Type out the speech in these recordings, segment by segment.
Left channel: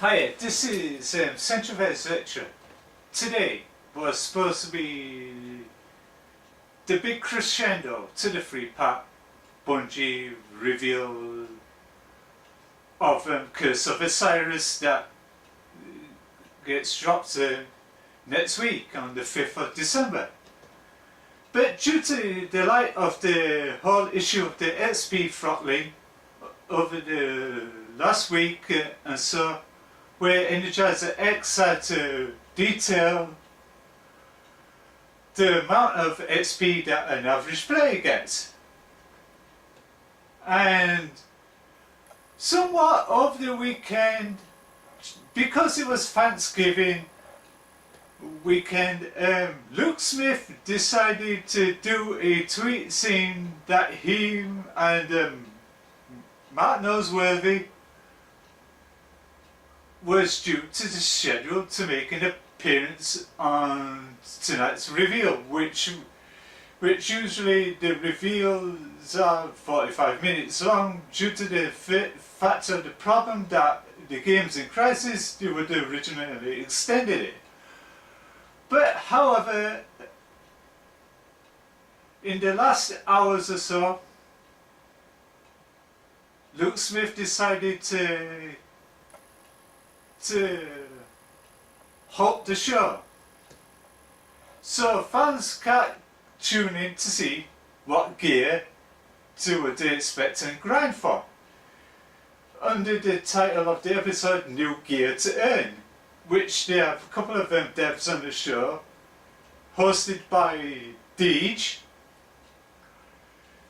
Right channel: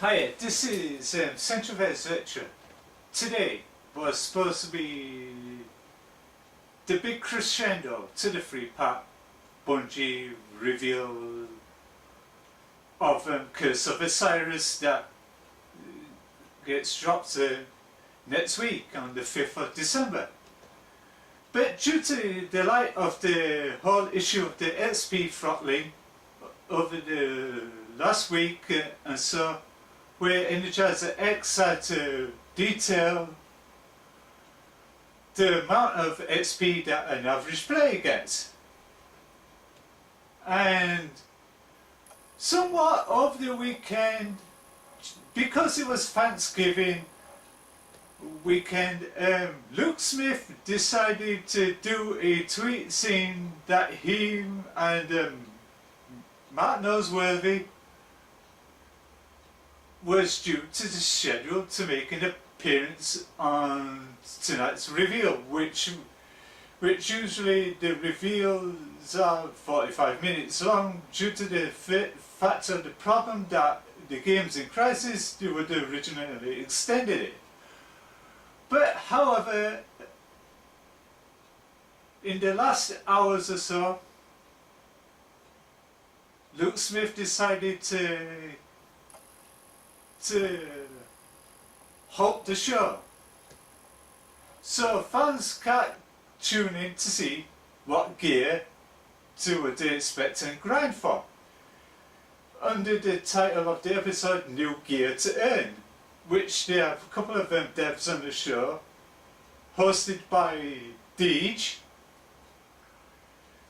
Hi, this is Centrevez Vectra. Today was supposed to be the big crescendo to the free-pack bungie reveal of Curse of Osiris that gets dropped next week on the 5th of December. But due to the light of the whole issue of the XP throttling over the last week and so, where Energizer X had to detail the amount of XP that an average player gets. And somewhat over the weekend, because it was Thanksgiving weekend, Luke Smith decided to do a tweet saying that he and Matt Noseworthy was due to the schedule to make an appearance on tonight's reveal, which usually the reveals are 45 minutes long due to the fact of the problem that the game's in crisis. They would have originally extended it. But however, in the last hours or so, Luke Smith decided to halt the show. So fans can't tune in to see what gear to expect and grind for. Under the title of the episode, New Gear to Earn, which they have a couple of devs on the show, hosted by Deej,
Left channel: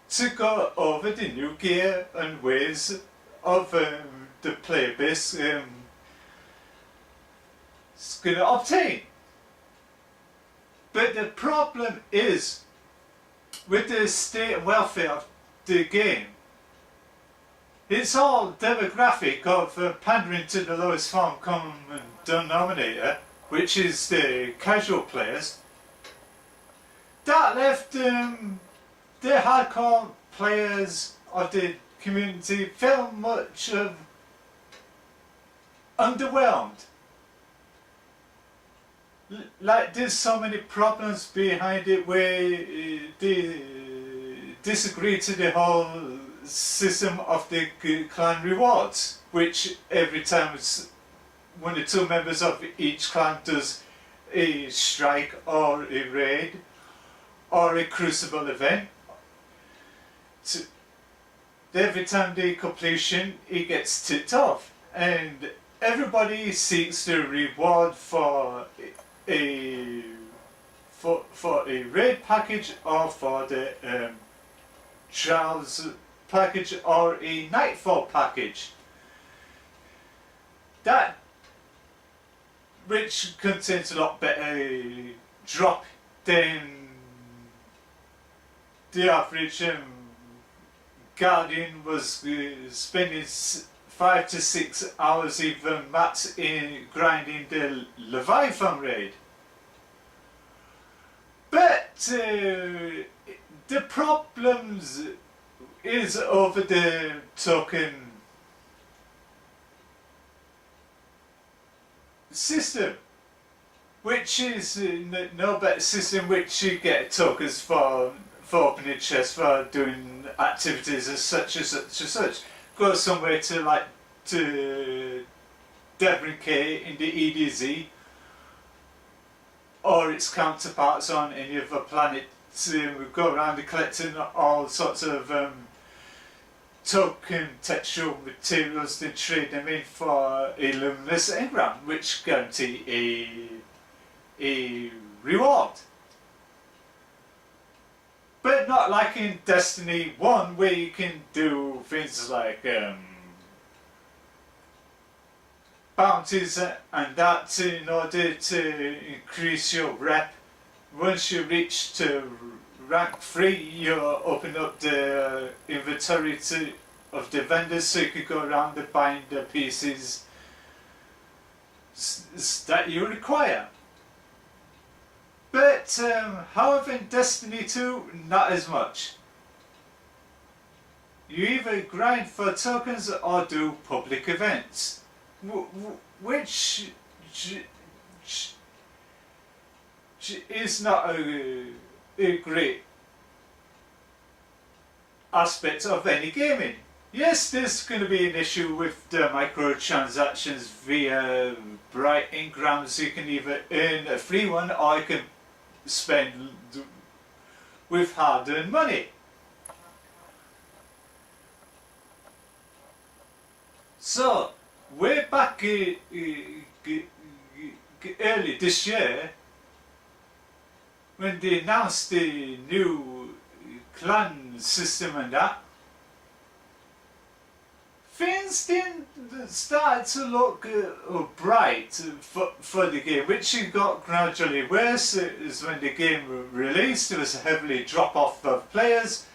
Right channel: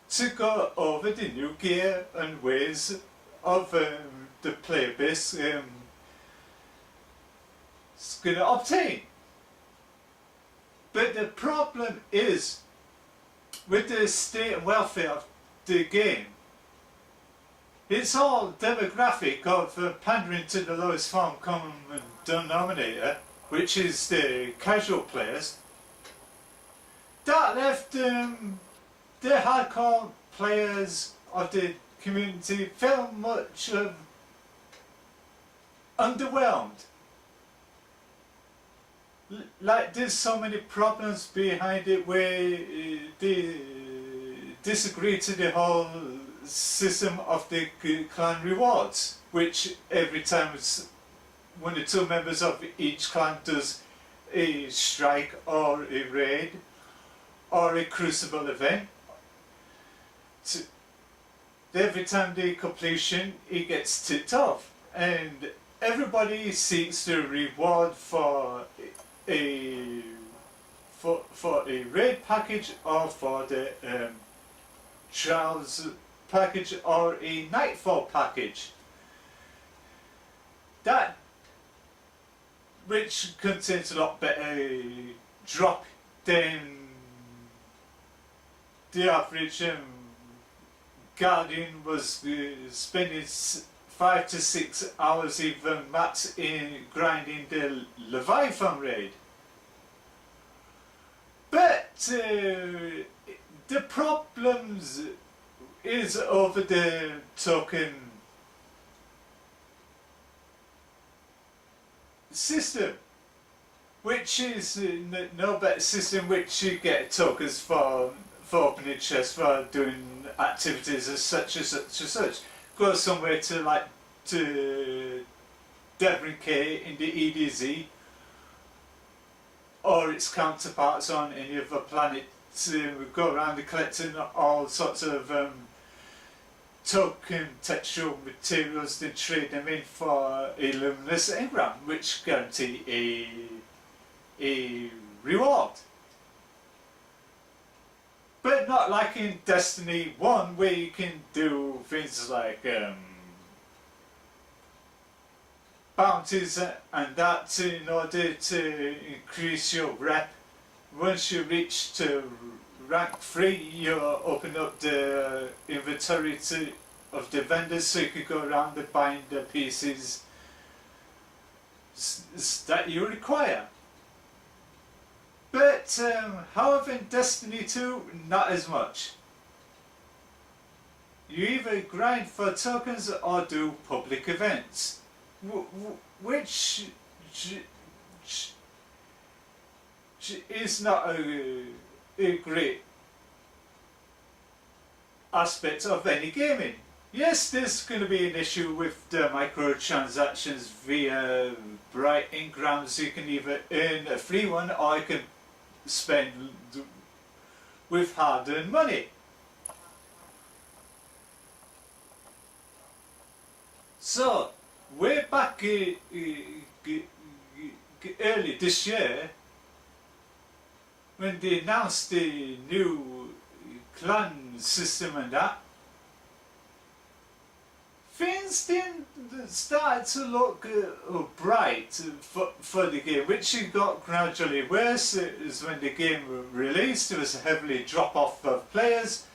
to go over the new gear and ways of the player base is going to obtain. But the problem is, with the state and welfare of the game, it's all demographic of pandering to the lowest form common denominator, which is the casual players. That left the hardcore players of the community felt much of underwhelmed. Like there's so many problems behind it where they disagree to the whole system of the clan rewards, which every time one or two members of each clan does a strike or a raid or a crucible event, every time they completion it gets ticked off, and everybody seeks the reward for a raid package or for the trials package or a nightfall package, that which contains a lot better drop than the average Guardian was spending 5 to 6 hours even max in grinding the Leviathan raid. But the problems is over the token system, which is no better system which you get tokens for opening chests, for doing activities as such as such as such. Go somewhere to like to Devon K in the EDZ or its counterparts on any other planet to go around and collecting all sorts of token textual materials, then trade them in for a luminous engram, which guarantee a reward. But not like in Destiny 1, where you can do things like bounties and that in order to increase your rep. Once you reach to rank 3, you open up the inventory of the vendors so you can go around and buying the pieces that you require. But however, in Destiny 2, not as much. You either grind for tokens or do public events, which is not a great aspect of any gaming. Yes, there's going to be an issue with the microtransactions via bright engrams. You can either earn a free one or you can spend with hard-earned money. So, way back early this year, when they announced the new clan system and that, things didn't start to look bright for the game, which it got gradually worse. Is when the game released, there was a heavily drop off of players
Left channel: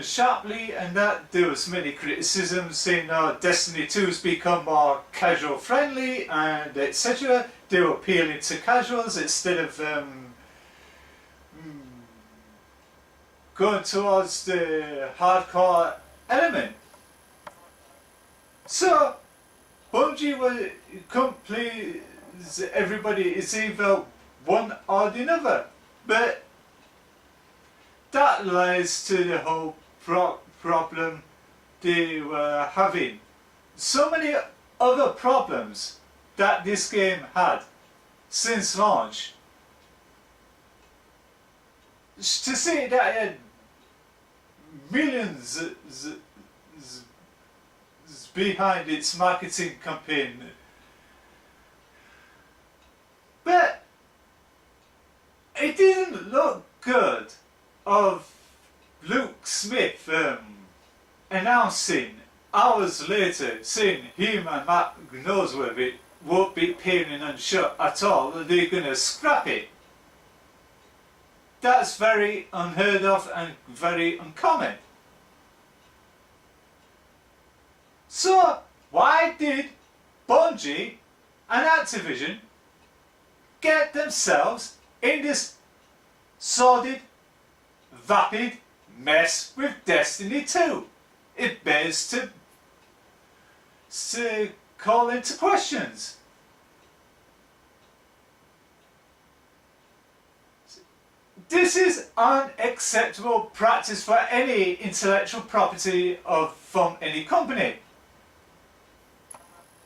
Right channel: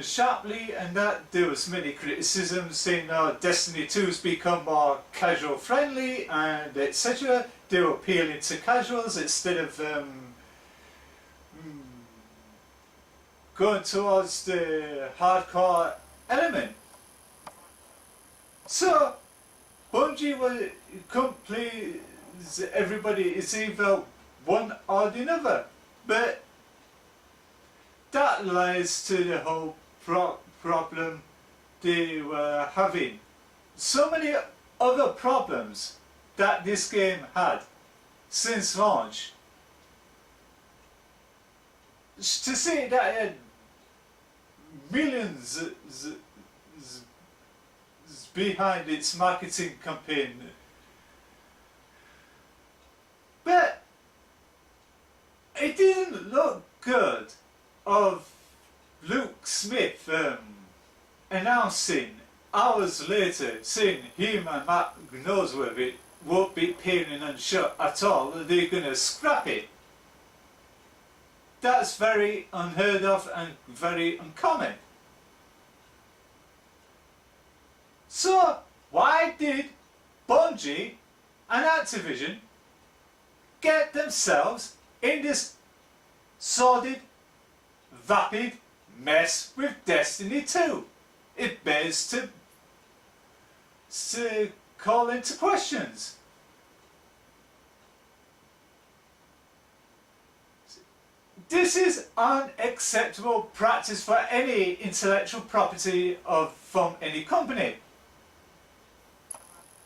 sharply, and that there was many criticisms saying Destiny 2's become more casual friendly and etc. They were appealing to casuals instead of going towards the hardcore element. So Bungie will complete everybody is either one or the other, but that lies to the whole problem they were having. So many other problems that this game had since launch. To say that it had millions behind its marketing campaign, but it didn't look good of Luke Smith announcing hours later, saying him and Matt Noseworthy won't be paying and shut at all, they're going to scrap it. That's very unheard of and very uncommon. So why did Bungie and Activision get themselves in this sordid, vapid mess with Destiny 2? It bears to call into questions. This is unacceptable practice for any intellectual property from any company.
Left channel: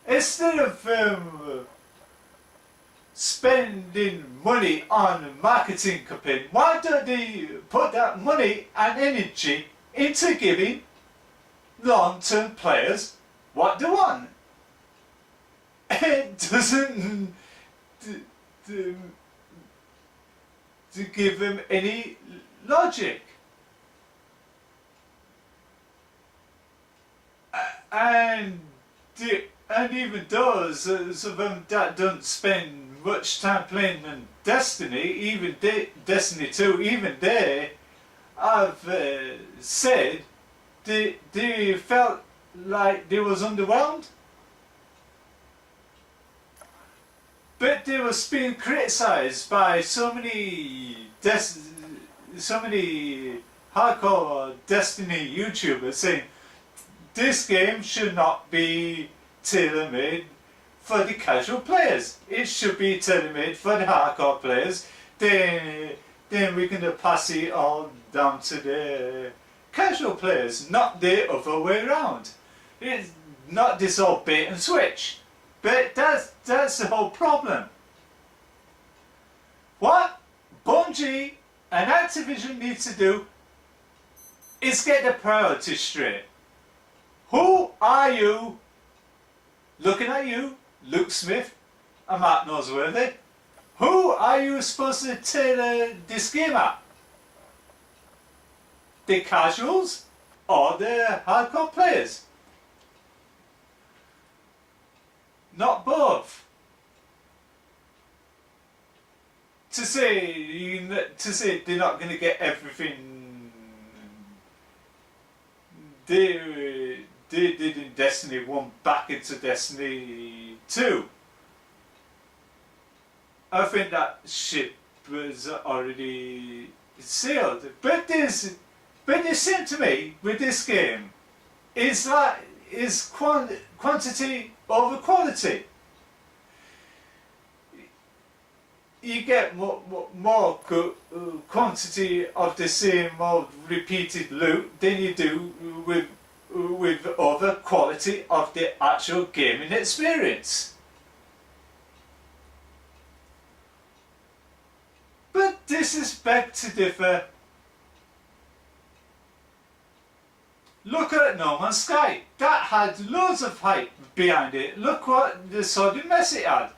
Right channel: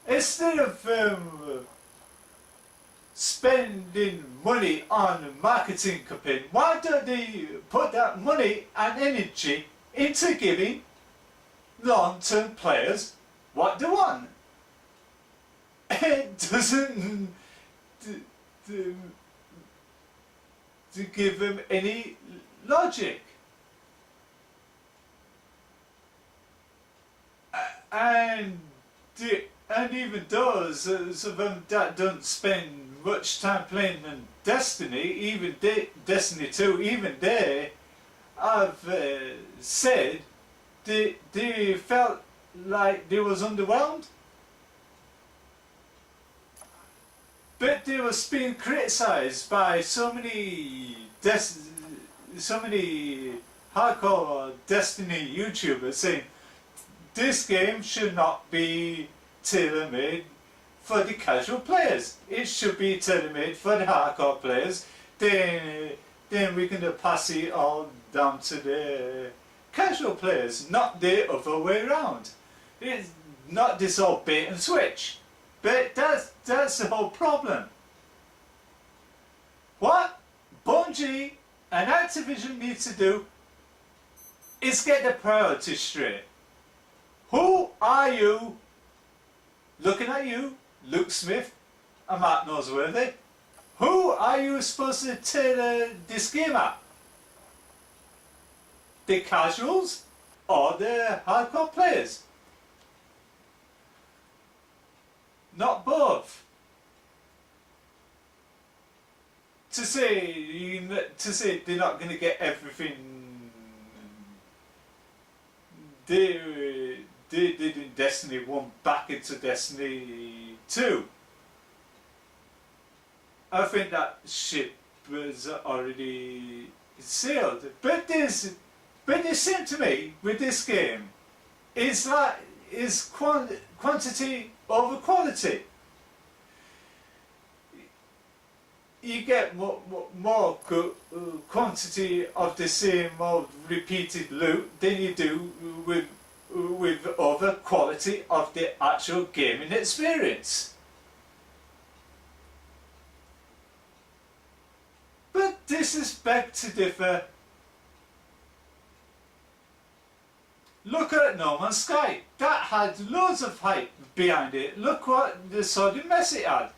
Instead of spending money on a marketing campaign, why don't they put that money and energy into giving long-term players what they want? It doesn't to give them any logic. And even those of them that don't spend much time playing in Destiny, even Destiny 2, even they have said they felt like they was underwhelmed. But they was being criticised by so many hardcore Destiny YouTubers saying this game should not be tailor-made for the casual players. It should be tailor-made for the hardcore players. Then we can pass it all down to the casual players, not the other way around. It's not this whole bait and switch. But that's the whole problem. What Bungie and Activision need to do is get the priorities straight. Who are you, looking at you, Luke Smith and Matt Noseworthy, who are you supposed to tailor this game at? The casuals or the hardcore players? Not both. To say they're not going to get everything they did in Destiny 1 back into Destiny 2. I think that ship was already sealed. But the same to me with this game is that is quantity over quality. You get more quantity of the same old repeated loot than you do with other quality of the actual gaming experience. But this is back to differ. Look at No Man's Sky. That had loads of hype behind it. Look what the sordid mess it had.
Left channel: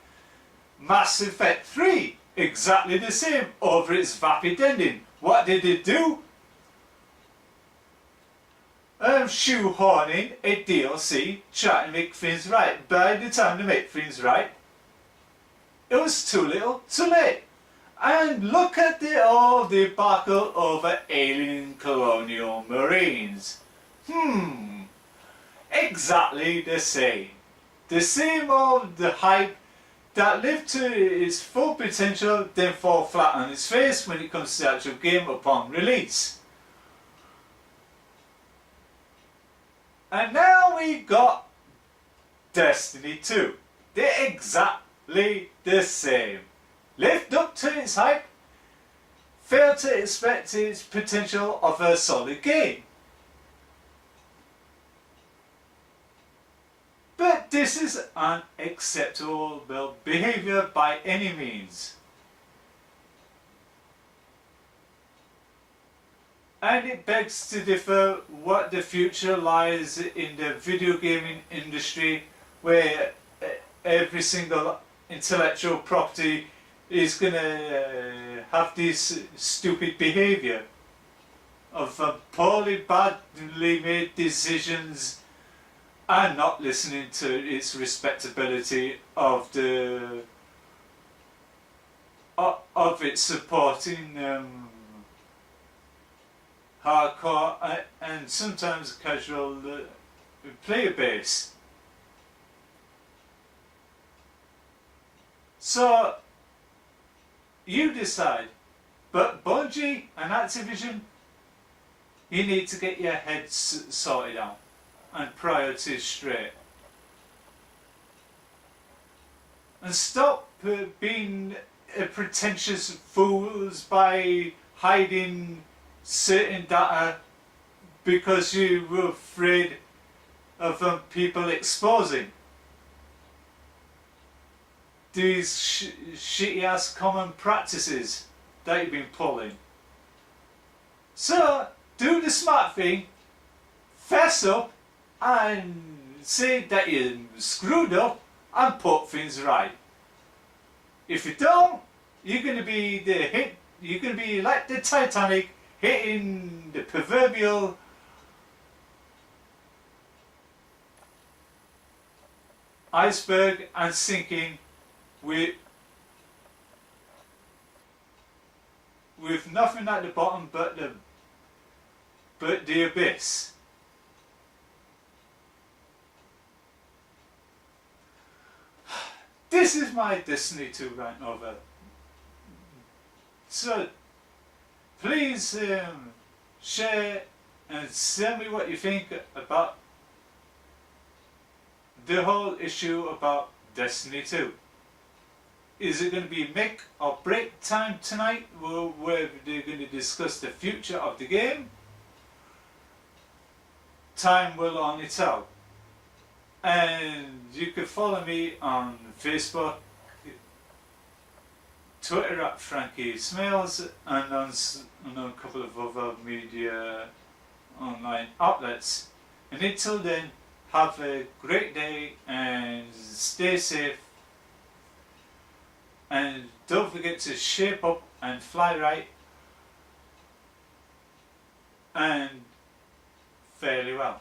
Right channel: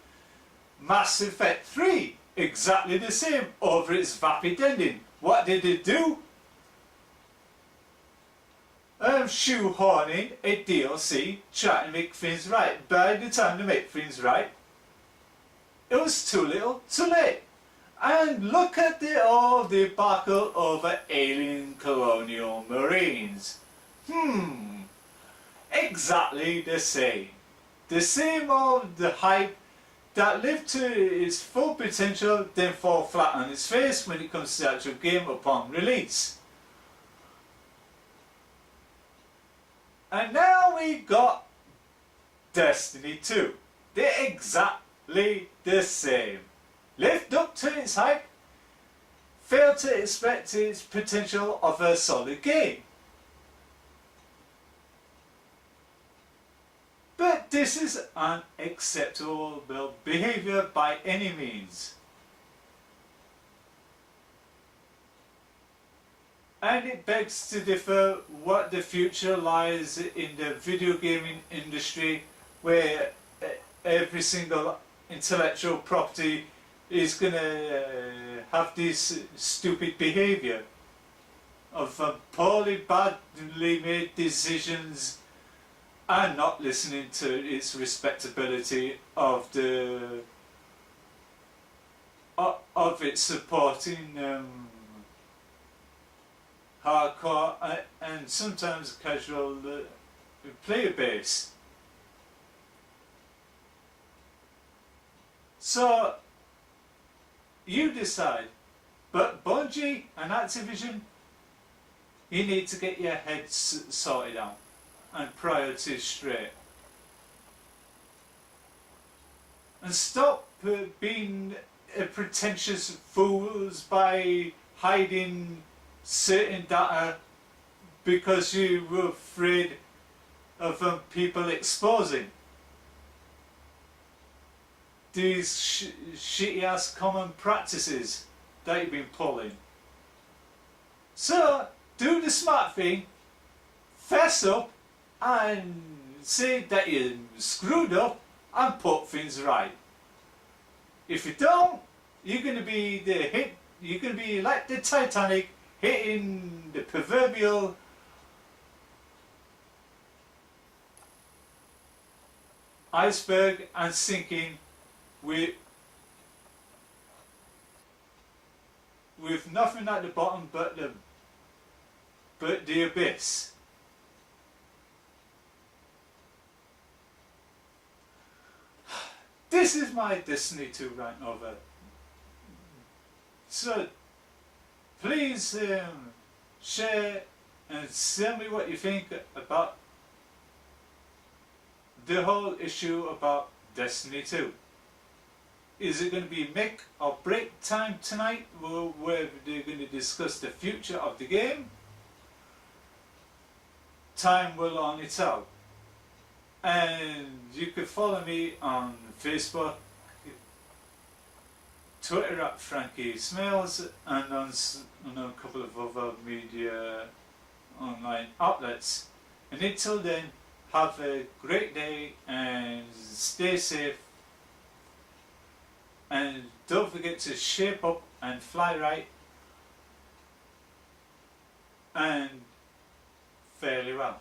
Mass Effect 3, exactly the same, over its vapid ending. What did it do? Shoehorning a DLC, trying to make things right. By the time they make things right, it was too little, too late. And look at all the debacle over alien colonial marines. Exactly the same. The same old the hype that lived to its full potential then fall flat on its face when it comes to the actual game upon release. And now we got Destiny 2. They're exactly the same. Lived up to its hype, failed to expect its potential of a solid game. But this is unacceptable behaviour by any means. And it begs to differ what the future lies in the video gaming industry, where every single intellectual property is going to have this stupid behaviour of poorly, badly made decisions and not listening to its respectability of its supporting hardcore and sometimes casual player base. So you decide, but Bungie and Activision, you need to get your heads sorted out and priorities straight. And stop being pretentious fools by hiding certain data because you were afraid of people exposing these shitty ass common practices that you've been pulling. So do the smart thing, fess up and say that you screwed up and put things right. If you don't, you're going to be you're going to be like the Titanic, hitting the proverbial iceberg and sinking with nothing at the bottom but the abyss. This is my Destiny 2 rant over. So please share and tell me what you think about the whole issue about Destiny 2. Is it going to be make or break time tonight, where they're going to discuss the future of the game? Time will only tell. And you can follow me on Facebook, Twitter at Frankie Smales, and on a couple of other media online outlets. And until then, have a great day and stay safe. And don't forget to shape up and fly right and fairly well.